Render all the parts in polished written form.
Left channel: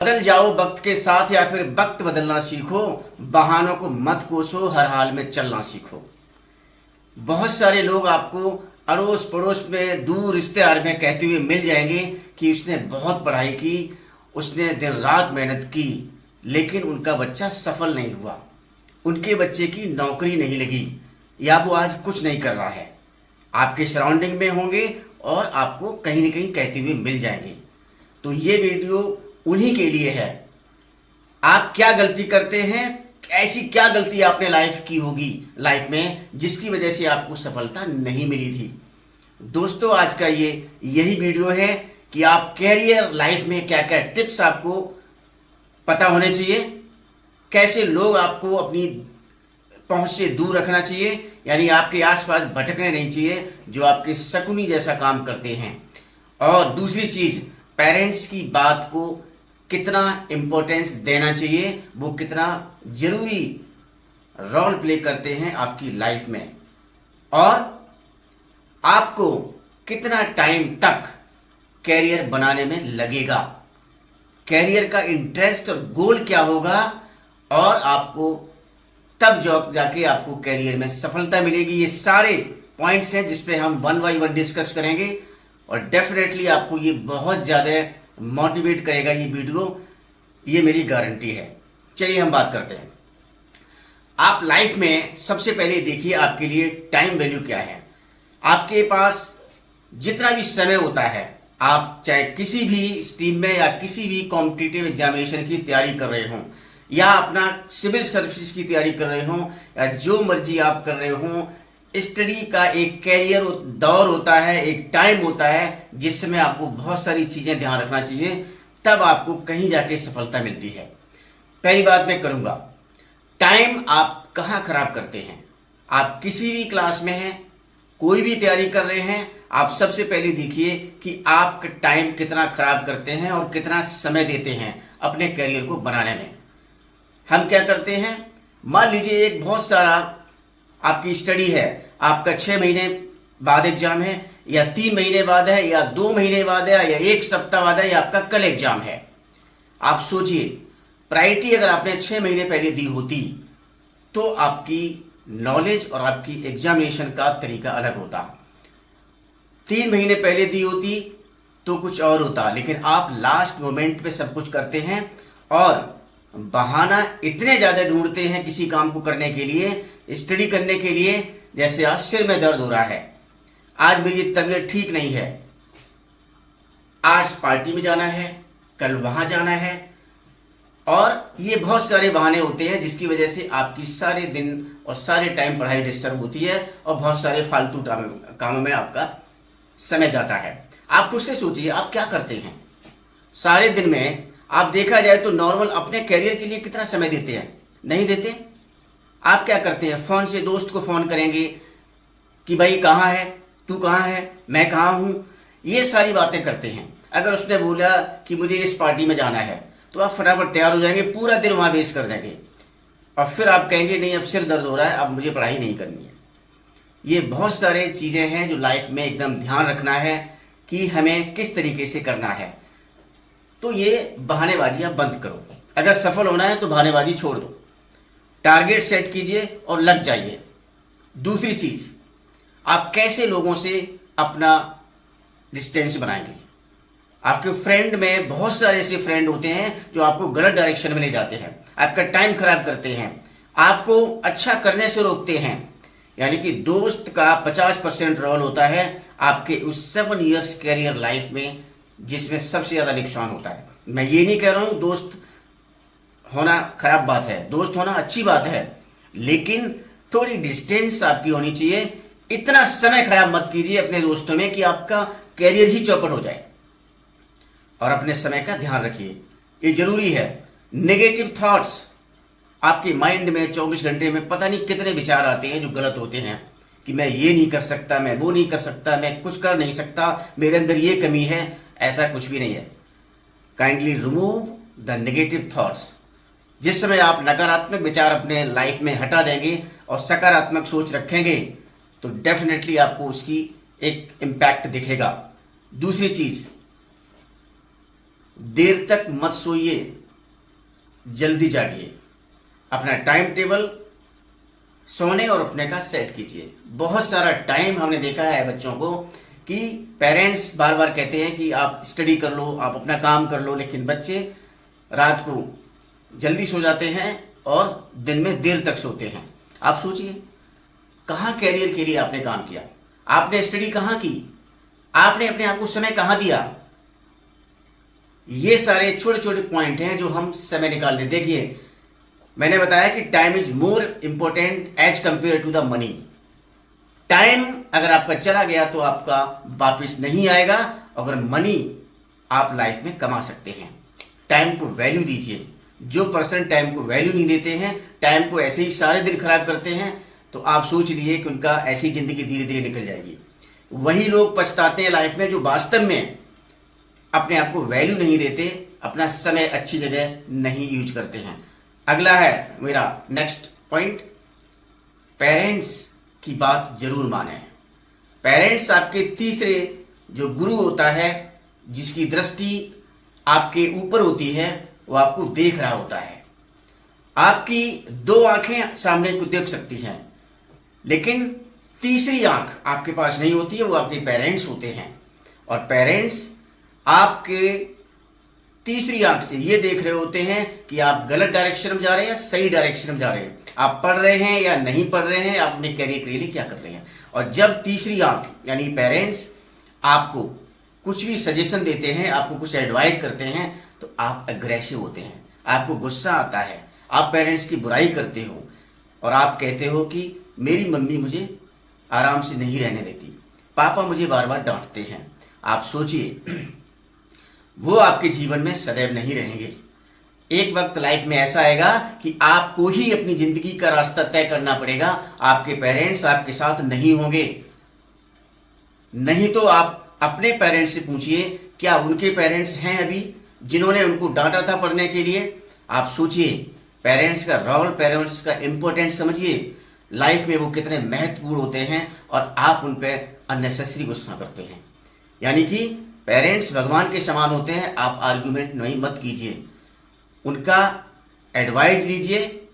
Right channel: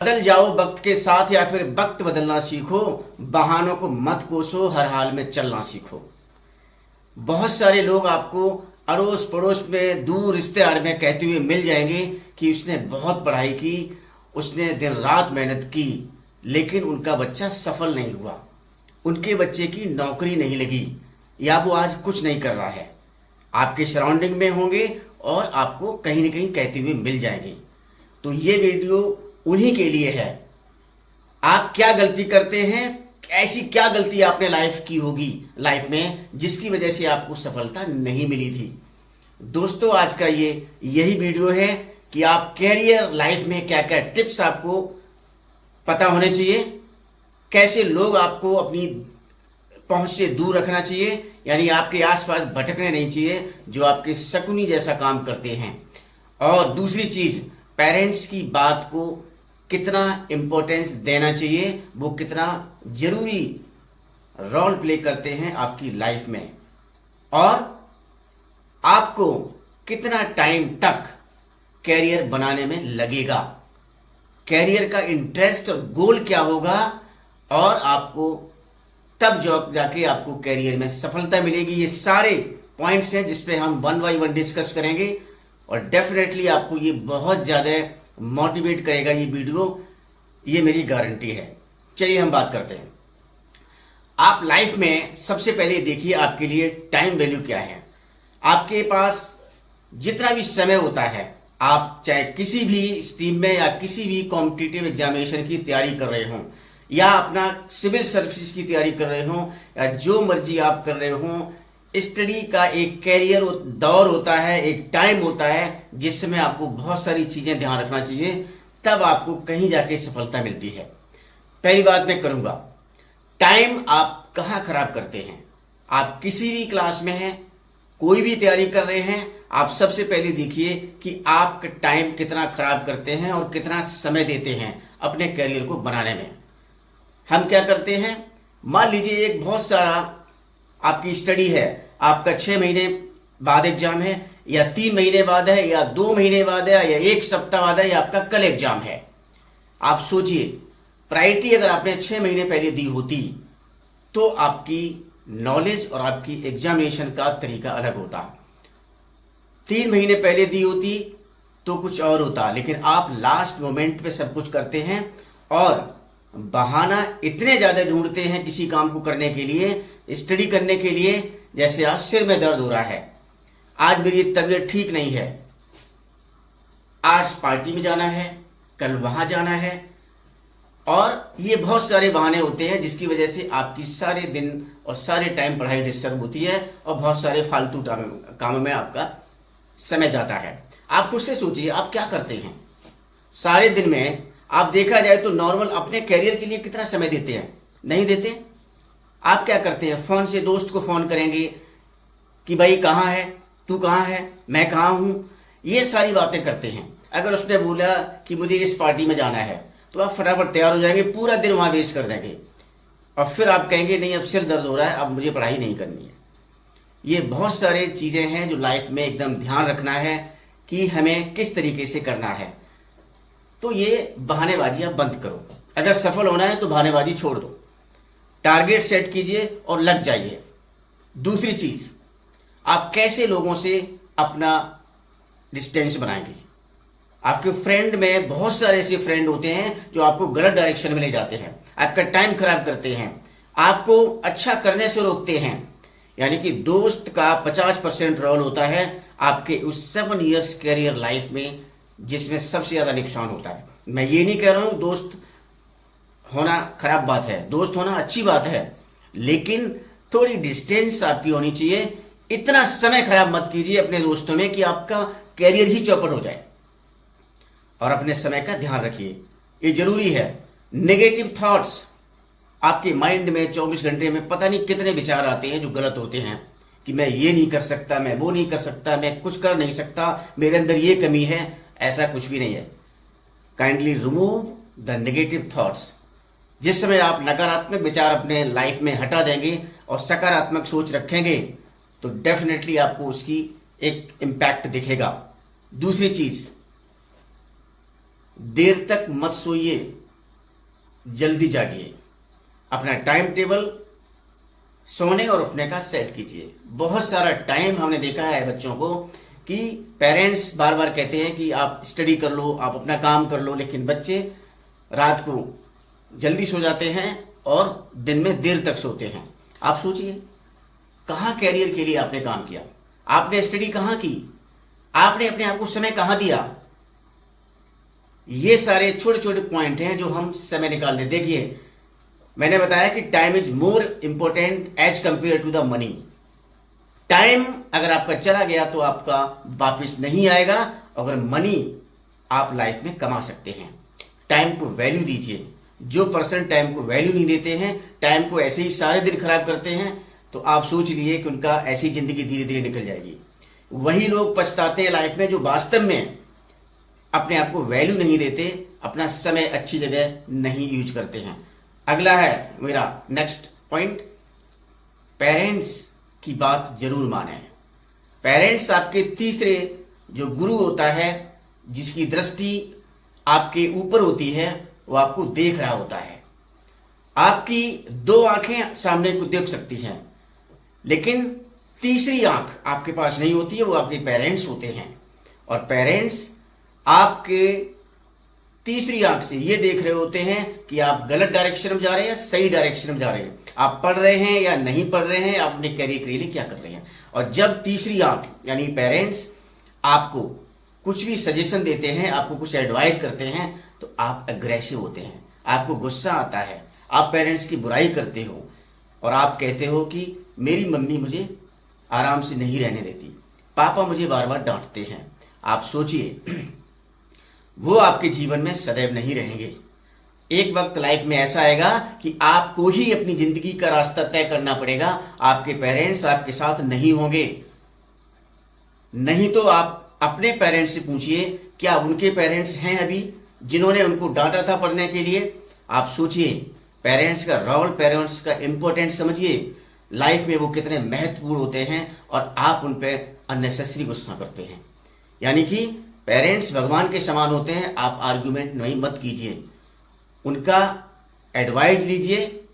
बदल जाओ वक्त के साथ या फिर वक्त बदलना सीखो। बहानों को मत कोसो, हर हाल में चलना सीखो। बहुत सारे लोग आपको अड़ोस पड़ोस में, दूर रिश्तेदार में कहते हुए मिल जाएंगे कि उसने बहुत पढ़ाई की, उसने दिन रात मेहनत की, लेकिन उनका बच्चा सफल नहीं हुआ, उनके बच्चे की नौकरी नहीं लगी, या वो आज कुछ नहीं कर रहा है। आपके सराउंडिंग में होंगे और आपको कहीं न कहीं कहते हुए मिल जाएंगे। तो ये वीडियो उन्हीं के लिए है। आप क्या गलती करते हैं, ऐसी क्या गलती आपने लाइफ में जिसकी वजह से आपको सफलता नहीं मिली थी। दोस्तों, आज का यही वीडियो है कि आप कैरियर लाइफ में क्या क्या टिप्स आपको पता होने चाहिए, कैसे लोग आपको अपनी पहुंच से दूर रखना चाहिए, यानी आपके आसपास भटकने नहीं चाहिए जो आपके शकुनी जैसा काम करते हैं। और दूसरी चीज, पेरेंट्स की बात को कितना इंपॉर्टेंस देना चाहिए, वो कितना जरूरी रोल प्ले करते हैं आपकी लाइफ में, और आपको कितना टाइम तक कैरियर बनाने में लगेगा, कैरियर का इंटरेस्ट और गोल क्या होगा, और आपको तब जाके आपको कैरियर में सफलता मिलेगी। ये सारे पॉइंट्स हैं जिसपे हम वन बाय वन डिस्कस करेंगे, और डेफिनेटली आपको ये बहुत ज्यादा मोटिवेट करेगा ये वीडियो, ये मेरी गारंटी है। चलिए हम बात करते हैं। आप लाइफ में सबसे पहले देखिए आपके लिए टाइम वैल्यू क्या है। आपके पास जितना भी समय होता है, आप चाहे किसी भी स्ट्रीम में या किसी भी कॉम्पिटिटिव एग्जामिनेशन की तैयारी कर रहे हो, या अपना सिविल सर्विस की तैयारी कर रहे हो, या जो मर्जी आप कर रहे हो, स्टडी का एक कैरियर दौर होता है, एक टाइम होता है जिसमें आपको बहुत सारी चीजें ध्यान रखना चाहिए, तब आपको कहीं जाके सफलता मिलती है। पहली बात मैं करूंगा, टाइम आप कहां खराब करते हैं। आप किसी भी क्लास में हैं, कोई भी तैयारी कर रहे हैं, आप सबसे पहले देखिए कि आप टाइम कितना खराब करते हैं और कितना समय देते हैं अपने कैरियर को बनाने में। हम क्या करते हैं, मान लीजिए एक बहुत सारा आपकी स्टडी है, आपका 6 महीने बाद एग्जाम है, या 3 महीने बाद है, या 2 महीने बाद है, या 1 सप्ताह बाद है, या आपका कल एग्जाम है। आप सोचिए, प्रायोरिटी अगर आपने 6 महीने पहले दी होती तो आपकी नॉलेज और आपकी एग्जामिनेशन का तरीका अलग होता। 3 महीने पहले दी होती तो कुछ और होता, लेकिन आप लास्ट मोमेंट पे सब कुछ करते हैं और बहाना इतने ज्यादा ढूंढते हैं किसी काम को करने के लिए, स्टडी करने के लिए। जैसे आज सिर में दर्द हो रहा है, आज मेरी तबीयत ठीक नहीं है, आज पार्टी में जाना है, कल वहां जाना है, और ये बहुत सारे बहाने होते हैं जिसकी वजह से आपकी सारे दिन और सारे टाइम पढ़ाई डिस्टर्ब होती है और बहुत सारे फालतू कामों में आपका समय जाता है। आप खुद से सोचिए, आप क्या करते हैं सारे दिन में। आप देखा जाए तो नॉर्मल अपने कैरियर के लिए कितना समय देते हैं, नहीं देते। आप क्या करते हैं, फोन से दोस्त को फोन करेंगे कि भाई कहाँ है, तू कहाँ है, मैं कहाँ हूं, ये सारी बातें करते हैं। अगर उसने बोला कि मुझे इस पार्टी में जाना है तो आप फटाफट तैयार हो जाएंगे, पूरा दिन वहां वेस्ट कर देंगे, और फिर आप कहेंगे नहीं अब सिर दर्द हो रहा है, अब मुझे पढ़ाई नहीं करनी है। ये बहुत सारे चीजें हैं जो लाइफ में एकदम ध्यान रखना है कि हमें किस तरीके से करना है। तो ये बहानेबाजी आप बंद करो। अगर सफल होना है तो बहानेबाजी छोड़ दो, टारगेट सेट कीजिए और लग जाइए। दूसरी चीज, आप कैसे लोगों से अपना डिस्टेंस बनाएंगे। आपके फ्रेंड में बहुत सारे ऐसे फ्रेंड होते हैं जो आपको गलत डायरेक्शन में ले जाते हैं, आपका टाइम खराब करते हैं, आपको अच्छा करने से रोकते हैं। यानी कि दोस्त का 50% रोल होता है आपके उस 7 इयर्स कैरियर लाइफ में, जिसमें सबसे ज्यादा नुकसान होता है। मैं ये नहीं कह रहा हूं दोस्त होना खराब बात है, दोस्त होना अच्छी बात है, लेकिन थोड़ी डिस्टेंस आपकी होनी चाहिए। इतना समय खराब मत कीजिए अपने दोस्तों में कि आपका कैरियर ही चौपट हो जाए। और अपने समय का ध्यान रखिए, ये जरूरी है। नेगेटिव थॉट्स आपके माइंड में 24 घंटे में पता नहीं कितने विचार आते हैं जो गलत होते हैं, कि मैं ये नहीं कर सकता, मैं वो नहीं कर सकता, मैं कुछ कर नहीं सकता, मेरे अंदर ये कमी है। ऐसा कुछ भी नहीं है। Kindly remove the negative thoughts. जिस समय आप नकारात्मक विचार अपने लाइफ में हटा देंगे और सकारात्मक सोच रखेंगे तो डेफिनेटली आपको उसकी एक इम्पैक्ट दिखेगा। दूसरी चीज, देर तक मत सोइए, जल्दी जागिए। अपना टाइम टेबल सोने और उठने का सेट कीजिए। बहुत सारा टाइम हमने देखा है बच्चों को कि पेरेंट्स बार बार कहते हैं कि आप स्टडी कर लो, आप अपना काम कर लो, लेकिन बच्चे रात को जल्दी सो जाते हैं और दिन में देर तक सोते हैं। आप सोचिए, कहाँ कैरियर के लिए आपने काम किया? आपने स्टडी कहाँ की? आपने अपने आप को समय कहाँ दिया? ये सारे छोटे छोटे पॉइंट हैं जो हम समय निकाल लेते। देखिए, मैंने बताया कि time is more important as compare to the money. Time अगर आपका चला गया तो आपका वापिस नहीं आएगा। अगर मनी आप लाइफ में कमा सकते हैं। टाइम को वैल्यू दीजिए। जो पर्सन टाइम को वैल्यू नहीं देते हैं, टाइम को ऐसे ही सारे दिन खराब करते हैं, तो आप सोच लीजिए कि उनका ऐसी जिंदगी धीरे धीरे निकल जाएगी। वही लोग पछताते हैं लाइफ में जो वास्तव में अपने आप को वैल्यू नहीं देते, अपना समय अच्छी जगह नहीं यूज करते हैं। अगला है मेरा नेक्स्ट पॉइंट, पेरेंट्स की बात जरूर माने। पेरेंट्स आपके तीसरे जो गुरु होता है, जिसकी दृष्टि आपके ऊपर होती है, वो आपको देख रहा होता है। आपकी दो आंखें सामने को देख सकती हैं, लेकिन तीसरी आंख आपके पास नहीं होती है, वो आपके पेरेंट्स होते हैं। और पेरेंट्स आपके तीसरी आंख से ये देख रहे होते हैं कि आप गलत डायरेक्शन में जा रहे हैं, सही डायरेक्शन में जा रहे हैं, आप पढ़ रहे हैं या नहीं पढ़ रहे हैं, आप अपने करियर के लिए क्या कर रहे हैं। और जब तीसरी आंख यानी पेरेंट्स आपको कुछ भी सजेशन देते हैं, आपको कुछ एडवाइस करते हैं, तो आप अग्रेसिव होते हैं, आपको गुस्सा आता है, आप पेरेंट्स की बुराई करते हो और आप कहते हो कि मेरी मम्मी मुझे आराम से नहीं रहने देती, पापा मुझे बार बार डांटते हैं। आप सोचिए, वो आपके जीवन में सदैव नहीं रहेंगे। एक वक्त लाइफ में ऐसा आएगा कि आपको ही अपनी जिंदगी का रास्ता तय करना पड़ेगा। आपके पेरेंट्स आपके साथ नहीं होंगे। नहीं तो आप अपने पेरेंट्स से पूछिए, क्या उनके पेरेंट्स हैं अभी जिन्होंने उनको डांटा था पढ़ने के लिए? आप सोचिए, पेरेंट्स का रोल, पेरेंट्स का इंपॉर्टेंस समझिए। लाइफ में वो कितने महत्वपूर्ण होते हैं और आप उन पर अननेसेसरी गुस्सा करते हैं। यानी कि पेरेंट्स भगवान के समान होते हैं। आप आर्ग्यूमेंट नहीं मत कीजिए, उनका एडवाइस लीजिए।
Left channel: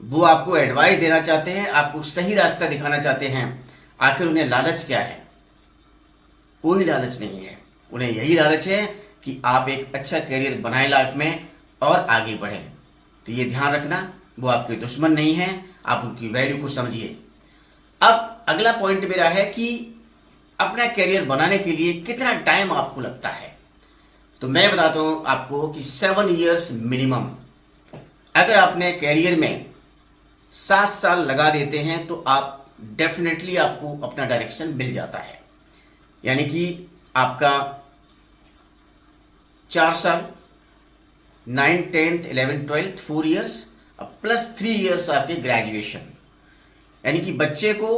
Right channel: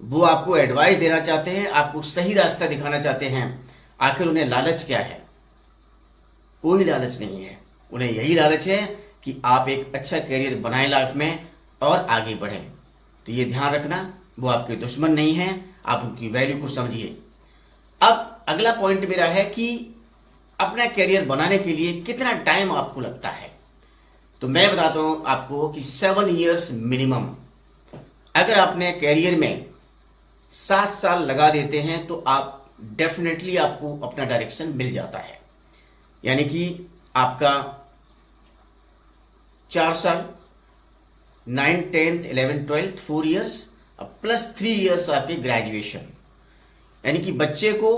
वो आपको एडवाइस देना चाहते हैं, आपको सही रास्ता दिखाना चाहते हैं। आखिर उन्हें लालच क्या है? कोई लालच नहीं है। उन्हें यही लालच है कि आप एक अच्छा करियर बनाएं लाइफ में और आगे बढ़ें। तो ये ध्यान रखना, वो आपके दुश्मन नहीं है, आप उनकी वैल्यू को समझिए। अब अगला पॉइंट मेरा है कि अपना करियर बनाने के लिए कितना टाइम आपको लगता है। तो मैं बताता हूं आपको कि 7 इयर्स मिनिमम। अगर आपने करियर में 7 साल लगा देते हैं तो आप डेफिनेटली आपको अपना डायरेक्शन मिल जाता है। यानी कि आपका 4 साल 9, 10th, 11th, 12th 4 years plus 3 years आपके ग्रेजुएशन। यानी कि बच्चे को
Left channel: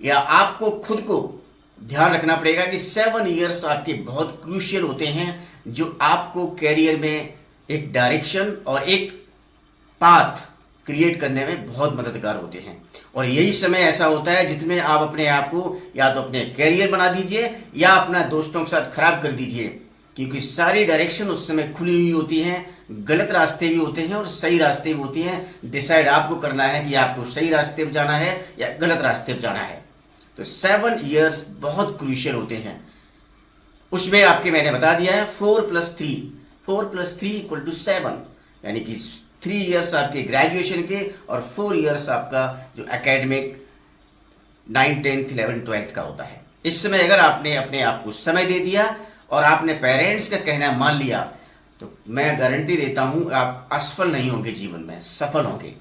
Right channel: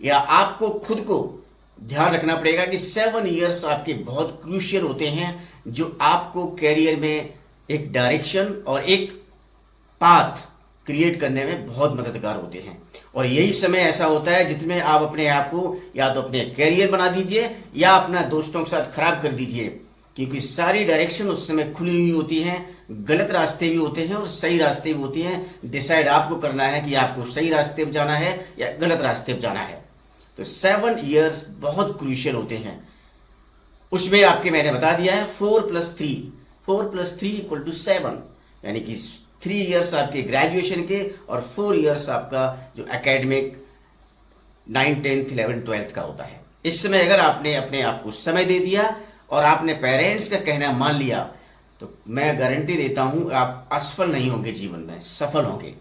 या आपको खुद को ध्यान रखना पड़ेगा कि 7 इयर्स आपके बहुत क्रूशियल होते हैं, जो आपको कैरियर में एक डायरेक्शन और एक पाथ क्रिएट करने में बहुत मददगार होते हैं। और यही समय ऐसा होता है जिसमें आप अपने आप को या तो अपने कैरियर बना दीजिए या अपना दोस्तों के साथ खराब कर दीजिए, क्योंकि सारी डायरेक्शन उस समय खुली हुई होती हैं। गलत रास्ते भी होते हैं और सही रास्ते भी होते हैं। डिसाइड आपको करना है कि आपको सही रास्ते पर जाना है या गलत रास्ते पर जाना है। तो 7 इयर्स बहुत क्रूशियल होते हैं। उसमें आपके मैंने बता दिया है 4+3 = 7, यानी कि 3 इयर्स आपके ग्रेजुएशन के और 4 इयर्स आपका जो एकेडमिक 9, 10th, 11th, 12th का होता है। इस समय अगर आपने अपने आप को समय दे दिया और आपने पेरेंट्स का कहना मान लिया, तो मैं गारंटी देता हूं आप असफल नहीं होंगे, जीवन में सफल होंगे।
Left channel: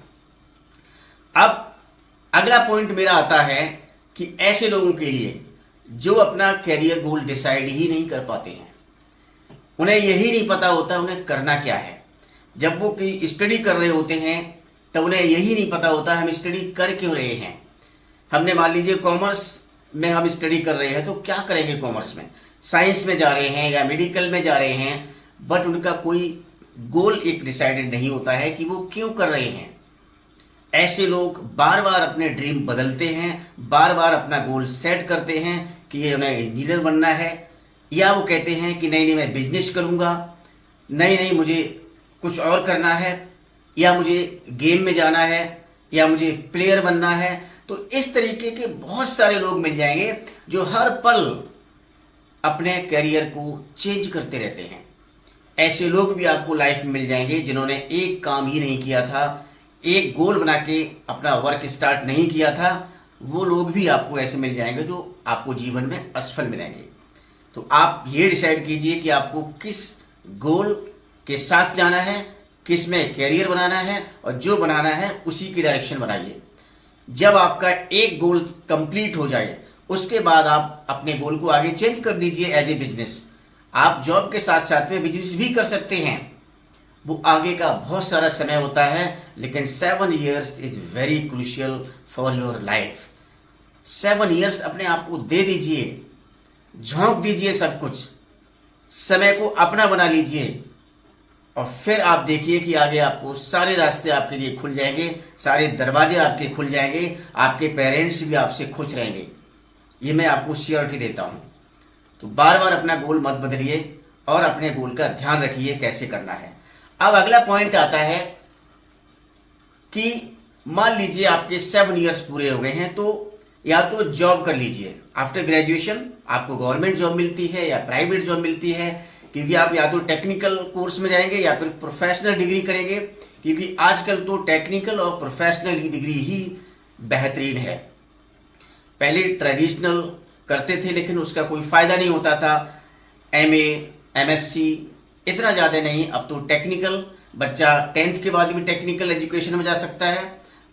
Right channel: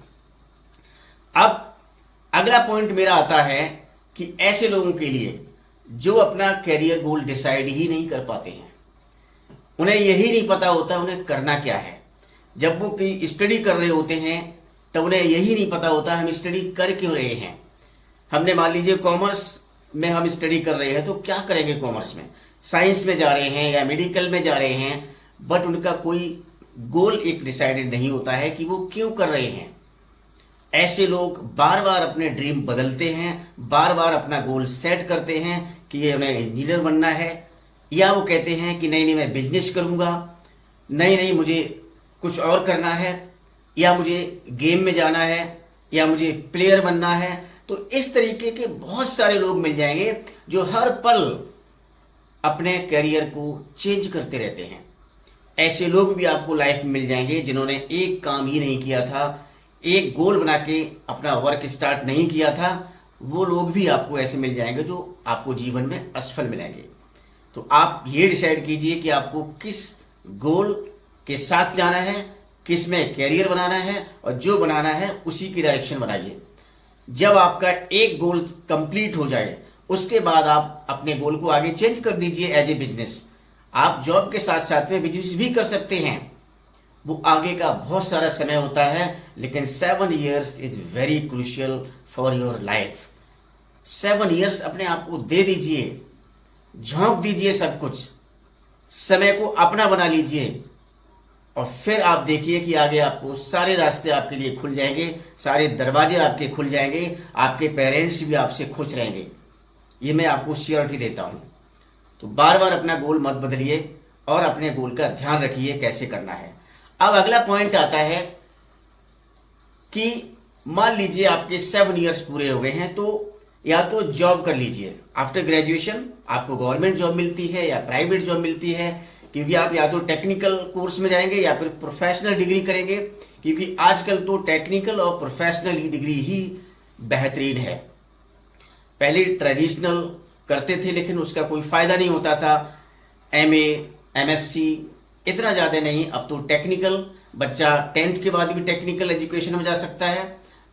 अब अगला पॉइंट मेरा आता है कि ऐसे लोगों के लिए जो अपना कैरियर गोल डिसाइड ही नहीं कर पाते हैं, उन्हें यही नहीं पता होता उन्हें करना क्या है। जब वो कोई स्टडी कर रहे होते हैं तब उन्हें यही नहीं पता होता हम स्टडी कर क्यों रहे हैं। हमने मान लीजिए कॉमर्स में हम स्टडी कर रहे हैं, तो क्या करेंगे कॉमर्स में? साइंस में जा रहे हैं या मेडिकल में जा रहे हैं, बट उनका कोई गोल एक डिसाइडेड नहीं होता है कि वो क्यों कर रहे हैं। ऐसे लोग बार बार अपने ड्रीम बदलते हैं, बार बार अपना गोल सेट करते हैं कि ये उन्हें इंजीनियर बनना है, या वो कहते हैं कि नहीं मैं बिजनेस करूंगा, नहीं नहीं मुझे कुछ और करना है, या मुझे गेम में जाना है, या मुझे प्लेयर बनना है। तो इस तरीके के बहुत सारे लोग मिल जाएंगे जो हर पल अपने करियर को चेंज करते रहते हैं। ऐसे लोग भी आपको लाइफ में मिल जाएंगे जिन्होंने एक काम ही नहीं किया था, एक गोल बना के अपना वर्क स्टार्ट नहीं किया था। वो लोग भी आपको ऐसे मिल जाएंगे जो आपको जीवन में असफल मिलेंगे। तो आप ये डिसाइड कीजिए कि आपको किस गोल के साथ जाना है, किस में कैरियर बनाना है, और जो बनाना है उसी की डायरेक्शन बनाइए। जब आपका एक गोल कंप्लीट हो जाए उसके बाद आप अपने गोल को आगे चेंज कर दीजिए एज ए बिजनेस। आप जॉब के साथ साथ में बिजनेस भी कर सकते हैं। वो आगे का बहुत सारा समय होता है, लेकिन 7 years is very crucial for your life. 7 years अपने आप को दे दीजिए, झोंक दीजिए सब कुछ, समय को अपना बना लीजिए, और फिर आप देखिए कि आगे आपको सारे रास्ते आपके लिए खुल जाएंगे, सारे दरवाजे आपके खुल जाएंगे, आपके पेरेंट्स भी आपसे खुश रहेंगे। ये मैं आपको श्योरिटी देता हूं। तो बार बार अपना गोल मत बदलिए और अपने गोल का ध्यान रखिए कैसे करना है। अब अगला पॉइंट आता है कि मान लीजिए आपके 7 years पूरे हो गए हैं, तो या तो जॉब कर लीजिए। आफ्टर ग्रेजुएशन आपको गवर्नमेंट जॉब मिलती है या प्राइवेट जॉब मिलती है, क्योंकि आप या तो टेक्निकल कोर्स में जाएंगे या फिर प्रोफेशनल डिग्री करेंगे, क्योंकि आजकल तो टेक्निकल और प्रोफेशनल डिग्री ही बेहतरीन है। पहले ट्रेडिशनल करते थे लेकिन उसका कोई फायदा नहीं होता था। MA MSc इतना ज्यादा नहीं, अब तो टेक्निकल बच्चा 10th के बाद भी टेक्निकल एजुकेशन में जा सकता है,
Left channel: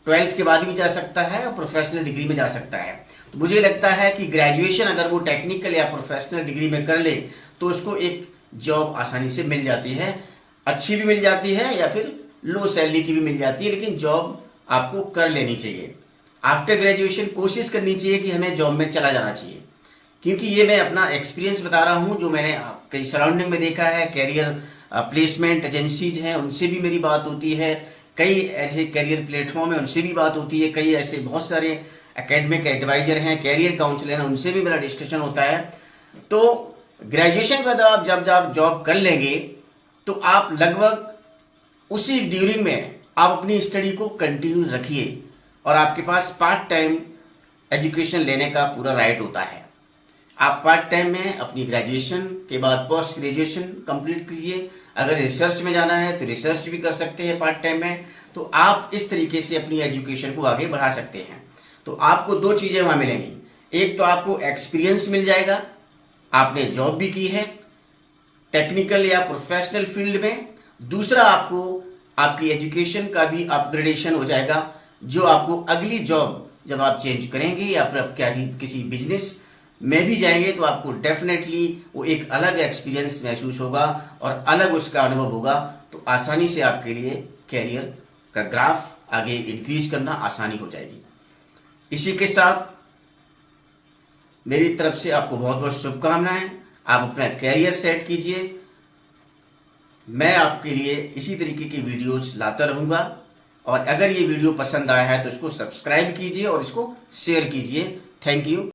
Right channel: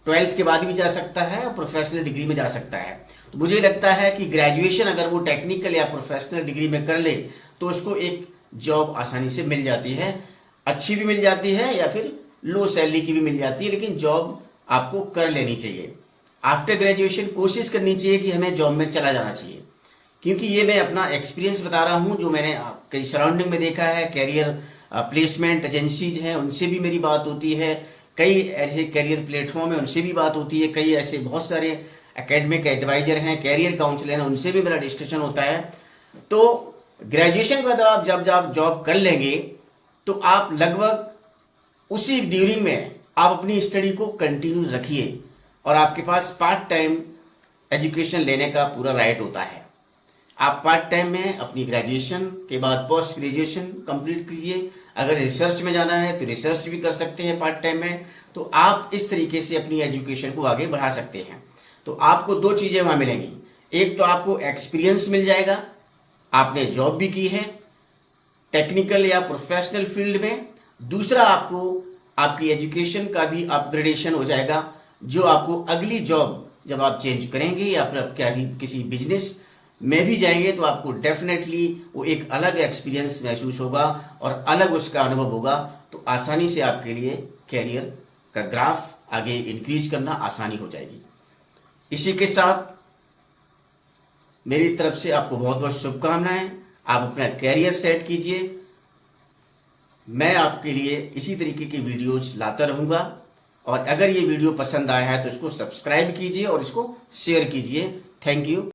12th के बाद भी जा सकता है, और प्रोफेशनल डिग्री में जा सकता है। तो मुझे लगता है कि ग्रेजुएशन अगर वो टेक्निकल या प्रोफेशनल डिग्री में कर ले तो उसको एक जॉब आसानी से मिल जाती है, अच्छी भी मिल जाती है या फिर लो सैलरी की भी मिल जाती है, लेकिन जॉब आपको कर लेनी चाहिए। आफ्टर ग्रेजुएशन कोशिश करनी चाहिए कि हमें जॉब में चला जाना चाहिए, क्योंकि ये मैं अपना एक्सपीरियंस बता रहा हूं जो मैंने कई सराउंडिंग में देखा है। कैरियर प्लेसमेंट एजेंसीज हैं, उनसे भी मेरी बात होती है, कई ऐसे कैरियर प्लेटफॉर्म है उनसे भी बात होती है, कई ऐसे बहुत सारे एकेडमिक एडवाइजर हैं, कैरियर काउंसलर हैं, उनसे भी मेरा डिस्कशन होता है। तो ग्रेजुएशन के बाद आप जब जॉब कर लेंगे तो आप लगभग उसी ड्यूरिंग में आप अपनी स्टडी को कंटिन्यू रखिए, और आपके पास पार्ट टाइम एजुकेशन लेने का पूरा राइट होता है। आप पार्ट टाइम में अपनी ग्रेजुएशन के बाद पोस्ट ग्रेजुएशन कंप्लीट कीजिए। अगर रिसर्च में जाना है तो रिसर्च भी कर सकते हैं पार्ट टाइम में। तो आप इस तरीके से अपनी एजुकेशन को आगे बढ़ा सकते हैं। तो आपको 2 चीजें वहां मिलेंगी, एक तो आपको एक्सपीरियंस मिल जाएगा, आपने जॉब भी की है टेक्निकल या प्रोफेशनल फील्ड में, दूसरा आपको आपकी एजुकेशन का भी अपग्रेडेशन हो जाएगा, जो आपको अगली जॉब जब आप चेंज करेंगे या फिर आप क्या किसी बिजनेस में भी जाएंगे तो आपको डेफिनेटली वो एक अलग एक्सपीरियंस महसूस होगा और अलग उसका अनुभव होगा। तो आसानी से आपके लिए कैरियर का ग्राफ आगे इंक्रीज करना आसानी हो जाएगी। इसी के साथ मेरी तरफ से आपको बहुत बहुत शुभकामनाएं। आप अपना कैरियर सेट कीजिए। मैं आपके लिए इसी तरीके की वीडियोज लाता रहूंगा, और अगर ये वीडियो पसंद आया है तो इसको सब्सक्राइब कीजिए और इसको शेयर कीजिए। Thank you.